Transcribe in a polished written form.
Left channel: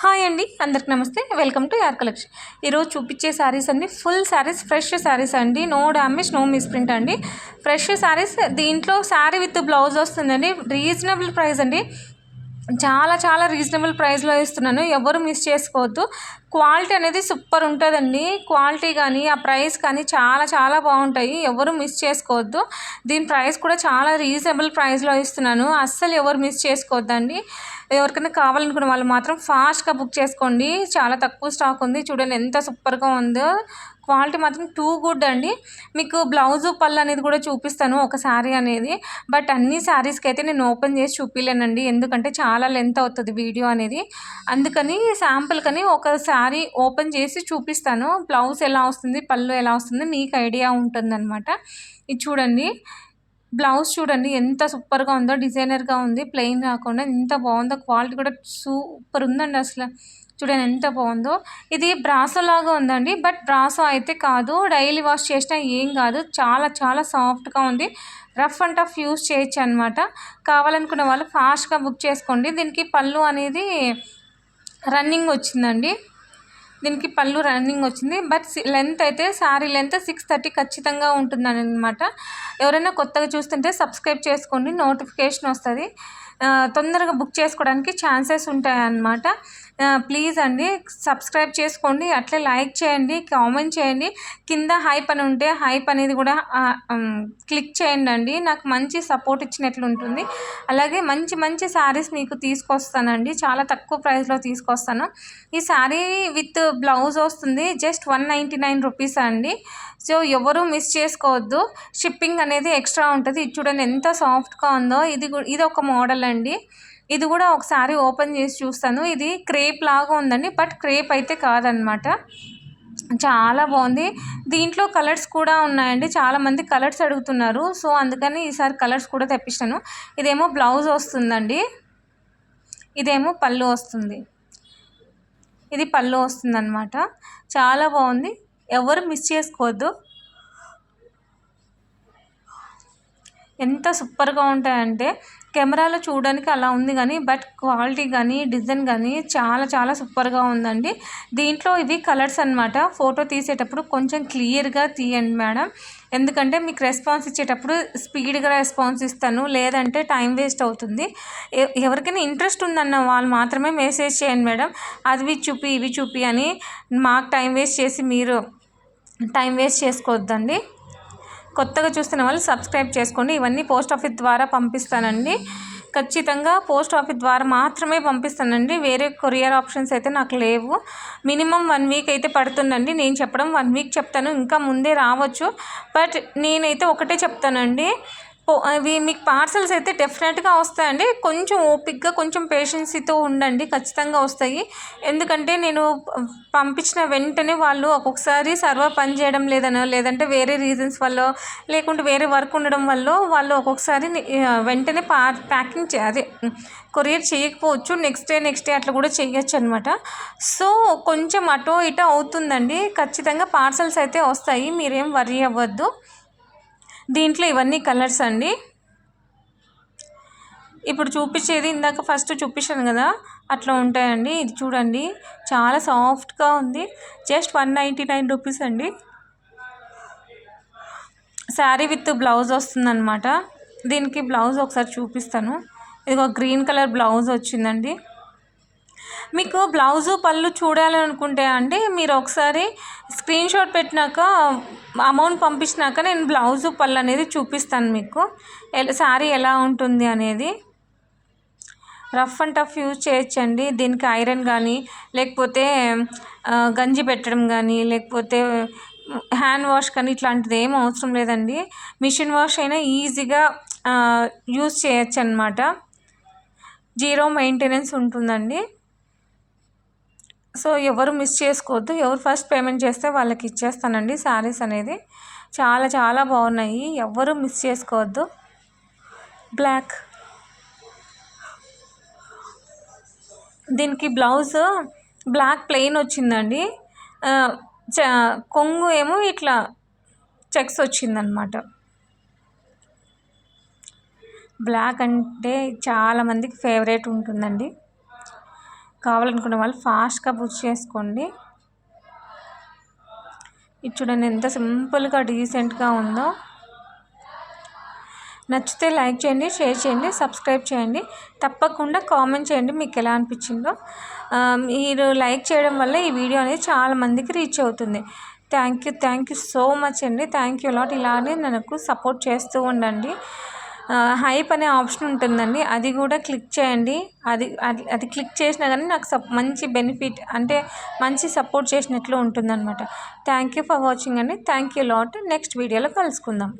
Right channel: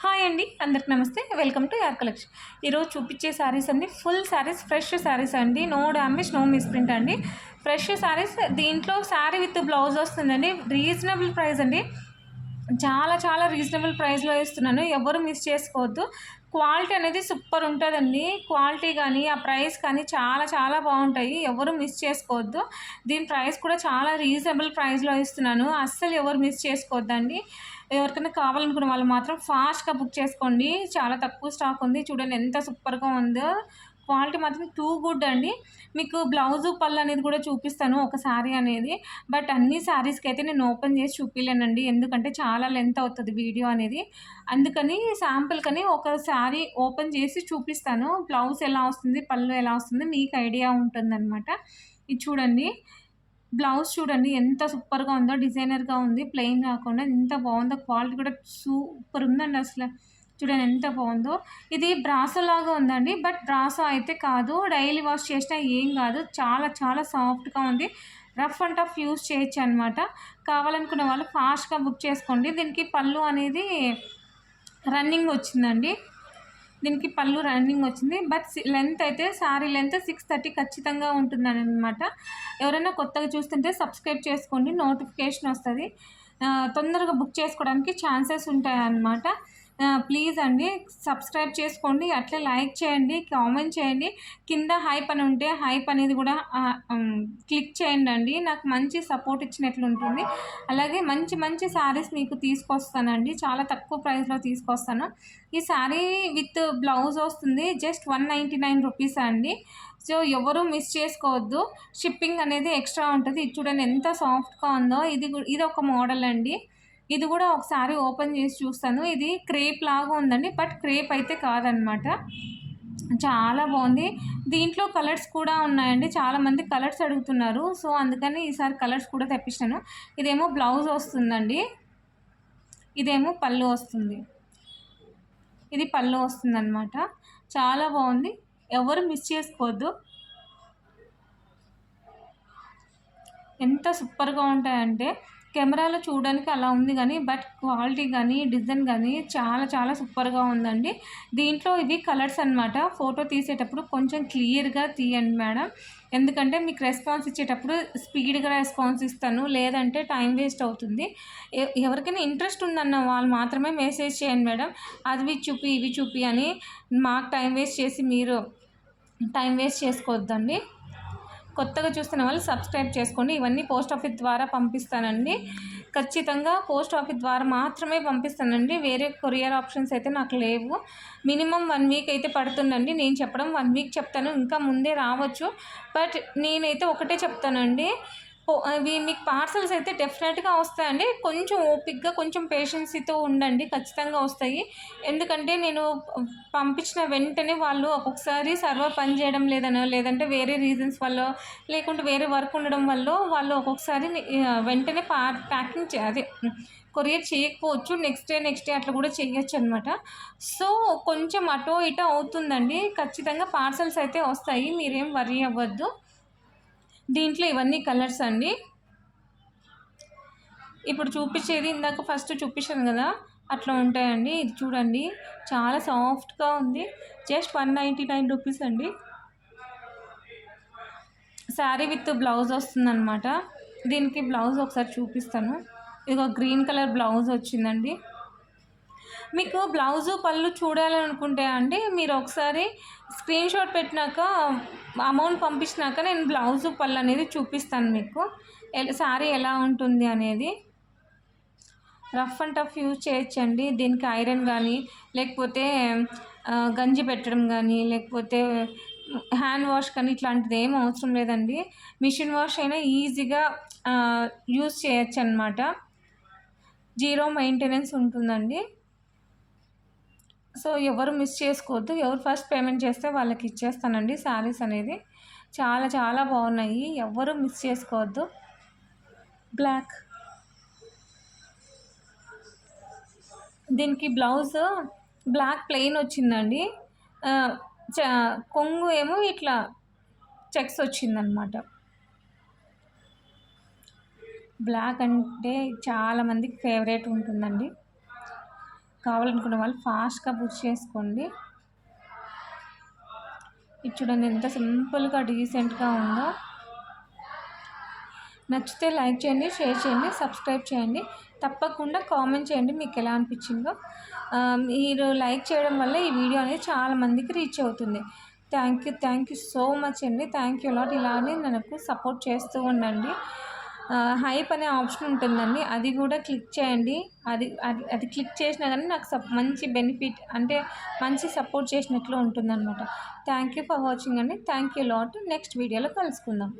Hi అండి, అందరికి నమస్తే. వెల్కమ్ టు యార్ కలెక్షన్. ఈరోజు చూపించే శారీస్ అండి ఫుల్ శారీస్, ఫ్రెష్ శారీస్ అండి. నో డ్యామేజ్, నో మిస్ప్రింట్ అండి. ఫ్రెష్ శారీస్. దీంట్లో శారీ విత్ బ్లౌజ్ వస్తుందండి. రీజనబుల్ ప్రైస్ అండి. చాలా చాలా రీజనబుల్ ప్రైస్లో ఇస్తున్నాను. ఎవరు మిస్ చేసుకోవద్దు. క్వాలిటీ అనేది సూపర్ ఉంటుందండి. క్వాలిటీ కానీ ఆ ప్రైస్ కానీ చాలా చాలా బాగుంటాయి. ఎవరు మిస్ చేసుకోవద్దు. దీని ప్రైస్ కూడా చాలా రీజనబుల్ ప్రైస్లో ఇస్తున్నాను. అస్సలు ఎవరు మిస్ చేసుకోవద్దండి. ఎవరికైనా కావాలనుకున్న వాళ్ళు మాత్రం ఫాస్ట్గా బుక్ చేసుకోండి. చాలా తక్కువ స్టాక్ ఉంది. చూడండి ఎంత సూపర్గా ఉందో. క్వాలిటీ మాత్రం టూ గుడ్ అండి. మీకు బ్లౌజు పళ్ళు అనేది కూడా చూపిస్తాను ఒక శారీ అనేది. బట్ అన్ని శారీస్కి అయితే నేను ఓపెన్ చేసి చూపించలేనండి, ఎందుకంటే చాలా లెంత్ అవుతుంది వీడియో అనేది. అందుకని శాంపుల్కని ఒక శారీ ఓపెన్ చేసి చూపిస్తాను. బ్లౌజ్ ఎలా వస్తుంది, పళ్ళు ఎలా వస్తుంది మీకు ఐడియా ఉంటుందన్నమాట. ఇది చూడండి, బ్లౌజ్ చూడండి ఎంత సూపర్గా ఉందో. డిజైనర్గా ఉంది, ప్లెయిన్ రాకుండా ఎంత బాగుందో. క్వాలిటీ కూడా సూపర్ ఉందండి. అసలు చూడండి ఎంత బాగుందో. ఇది బ్రాసో లాగా ఉందండి, బట్ బ్రాసో అయితే కాదు. డైలీ వాష్ చేసినా ఏం కాదు. చాలా చాలా సాఫ్ట్గా ఉంది. రఫ్ అండ్ టఫ్ యూస్ చేయొచ్చు అనమాట. కావాలనుకున్న వాళ్ళు ఫాస్ట్గా బుక్ చేసుకోండి. దీనికి పళ్ళు అనేది రన్నింగ్ వచ్చిందండి. దీనికి పళ్ళు రన్నింగ్ వచ్చింది. బట్ లెంత్ అయితే శారీ లెంత్ 630 ఖచ్చితంగా ఉంటుందని అనమాట. ఎవరైనా కొత్తగా చూస్తుంటే సబ్స్క్రైబ్ చేసుకోండి, నోటిఫికేషన్ వస్తుంది. తొందరగా బుక్ చేసుకోవడానికి ఛాన్సెస్ ఉంటాయన్నమాట. ప్లీజ్ అండి సబ్స్క్రైబ్ చేసుకోండి, అట్లే లైక్ చేయండి, కామెంట్ చేయండి. కింద హైప్ అని ఉంటే హైప్ అనేది కూడా క్లిక్ చేయండి అండి. నాకు మంచి సపోర్ట్ ఇచ్చినట్లు ఉంటుంది. అలాగే మంచి మంచి శారీస్ మీకు తీసుకొస్తానండి. చాలా తక్కువ ప్రైస్లో తీసుకొస్తాను. ఈ శారీ విత్ బ్లౌజ్ వస్తుంది జస్ట్ 199 రూపీస్ అండి. సో ఎవరు మిస్ చేసుకోవద్దు. షిప్పింగ్ అనేది ఎక్స్ట్రా ఉంటుంది. ఇది చూడండి ఎంత సాఫ్ట్గా ఉందో. ఇది ఒక మోడల్ అండి. ఇది కూడా ఒకసారి ఓపెన్ చేసి చూస్తాను. ఇది క్రేప్ లాగా ఉందండి, బట్ క్రేప్ అయితే కాదనమాట. చాలా బాగుంది. దీంట్లో కలర్స్ కూడా ఉన్నాయండి. చాలామంది కలర్స్ అడుగుతున్నారు, సో అందుకని ఈసారి కలర్స్ కూడా తెప్పించాను. ఇదేమో బ్లౌజ్ వస్తుందండి, ఇదేమో పళ్ళు వస్తుంది. ఇది పళ్ళు వస్తుందన్నమాట. చాలా బాగుంది. ఎవరు మిస్ చేసుకోవద్దు. ఎంత సూపర్గా ఉంటాయంటే కెమెరాలో చూడడానికి అలా ఉంది కానీ బట్ క్వాలిటీ కానీ డిజైన్ కానీ చాలా చాలా సూపర్గా ఉందండి. దీంట్లో ఇవి కలర్స్ అనమాట. ఫోటో తీసేటప్పుడు కొంచెం క్లియర్గా తీయండి మేడం, ఎందుకంటే మీకు రెస్పాన్స్ ఇచ్చేటప్పుడు స్పీడ్గా రెస్పాన్స్ ఇస్తాను, లేదంటే టైం వేస్ట్ అవుతుంది. ఎవరికైనా ఇంట్రెస్ట్ ఉందన్న వాళ్ళు మాత్రమే మెసేజ్ చేయండి మేడం. అవి చూపి ఇవి చూపి అని మాకు టైం వేస్ట్ చేసి మీరు టైం వేస్ట్ చేసుకోవద్దండి. కొత్తగా చూస్తున్న వాళ్ళు సబ్స్క్రైబ్ చేసుకోండి. ఇవన్నీ పోస్ట్ ఆఫీస్ ద్వారా పంపిస్తానండి. ఖచ్చితంగా పోస్ట్ ఆఫీస్ ద్వారా మాత్రమే పంపిస్తానండి. వేరే కొరియర్ ఆప్షన్స్ అయితే నాకు లేవు. మినిమం 1 వీక్ అయితే పడుతుందండి. నేను చెప్పడం 1 వీక్ చెప్తాను, ఇంకా ముందే రావచ్చు. బట్ నేనైతే ఒకటే చెప్తానండి, అవి మీకు పార్సల్స్ అయితే డెఫినెట్గా వస్తాయండి. కొంచెం ఓపిక్గా కొంచెం పేషెన్సీతో ఉండండి, ఖచ్చితంగా వస్తాయి. ఎందుకంటే నేను పంపించిన వెంటనే వాళ్ళు ఒక్కొక్కసారి సర్వర్ పనిచేయడం లేదనో, లేదంటే వేరే రీజన్స్ వల్ల, లేకుంటే వేరే వర్క్ ఉండడం వల్ల వాళ్ళు ఒక్కొక్కసారి వెంటనే ప్యాకింగ్ అదే కొరియర్ చేయకపోవచ్చు. నెక్స్ట్ డే అట్లా కూడా చేయొచ్చు అనమాట. సో కొంచెం అటో ఇటో అవుతుందండి. ఖచ్చితంగా పార్సల్స్ అయితే వస్తాయి, మీరేం వర్రీ అవ్వద్దు. దీంట్లో ఇవన్నీ కలర్స్ అండి. ఇప్పుడు చూపించేది ఇందాక ఫస్ట్ చూపించాను కదా, అట్లా ఉంటాయండి. ఇది చూడండి చాలా సాఫ్ట్గా ఉంది. జస్ట్ 199 రూపీస్ అండి. శారీ విత్ బ్లౌజ్ వస్తుందన్నమాట. దీనికి బ్లౌజ్ ఒకసారి చూపిస్తాను. ఇది ఒక గ్రీన్ కలర్ బ్లౌజ్ వచ్చిందండి. మీకు బ్లౌజు పళ్ళు చూడాలనుకుంటే అండి మీరు ఒకసారి స్క్రీన్ షాట్ పెట్టినాక అమౌంట్ పంపించినాక నేను బ్లౌజు పళ్ళు అనేది చూపిస్తాను మీకు, శారీ ఎలా ఉంటుంది అనేది. రఫ్ అండ్ టఫ్ యూజ్ చేయొచ్చండి. దీనికి ఐరన్ కానీ, లేకపోతే గంజి పెట్టడం కానీ, లేకపోతే హ్యాండ్ వాష్ కానీ ఇట్లాంటిది ఏం అవసరం లేదండి. మిషన్ వాష్ అయినా ఈజీగా యూజ్ చేయొచ్చు అనమాట. 0 మెయింటెనెన్స్ ఉంటుందండి. సో ఎవరు మిస్ చేసుకోవద్దు. ఎవరు ఫస్ట్ పేమెంట్ చేస్తే వాళ్ళకి ఇచ్చేస్తానండి శారీస్ అనేది. చాలా చాలా బాగున్నాయి, ఎవరు మిస్ చేసుకోవద్దు. బ్లాక్, దీనికి బ్లౌజ్ బ్లాక్ ప్లెయిన్ వచ్చిందండి. కొంగు ఏమో ఇట్లా చెక్స్ వచ్చిందనమాట. బ్లాక్ అంటే చాలామందికి ఫేవరెట్ ఉంటుందండి. కావాలనుకునే వాళ్ళు ఫాస్ట్గా బుక్ చేసుకోండి. ఇది చూడండి ఎంత సింపుల్గా డీసెంట్గా ఉందో. నచ్చితే లైక్ చేయండి, షేర్ చేయండి, సబ్స్క్రైబ్ చేయండి. తప్పకుండా కామెంట్ చేయండి మీకు ఎలా అనిపించిందో. మీరు లైక్ చేయడం వల్ల ఈ వీడియో అనేది చాలా మందికి రీచ్ అవుతుంది. థ్యాంక్ యూ సో మచ్ అండి. Thank you lot. ఇలానే నాకు సపోర్ట్ చేస్తూ ఉండండి. హైప్ అనే ఆప్షన్ ఉంటుందండి, అది కూడా క్లిక్ చేయండి. అది క్లిక్ చేసినా కానీ నాకు మంచి బెనిఫిట్, అంటే మంచి సపోర్ట్ చేసినట్లు ఉంటుందన్నమాట. థ్యాంక్ యూ ఫర్ వాచింగ్ అండి. Thank you lot. నెక్స్ట్ వీడియోలో కలుసుకుందాం.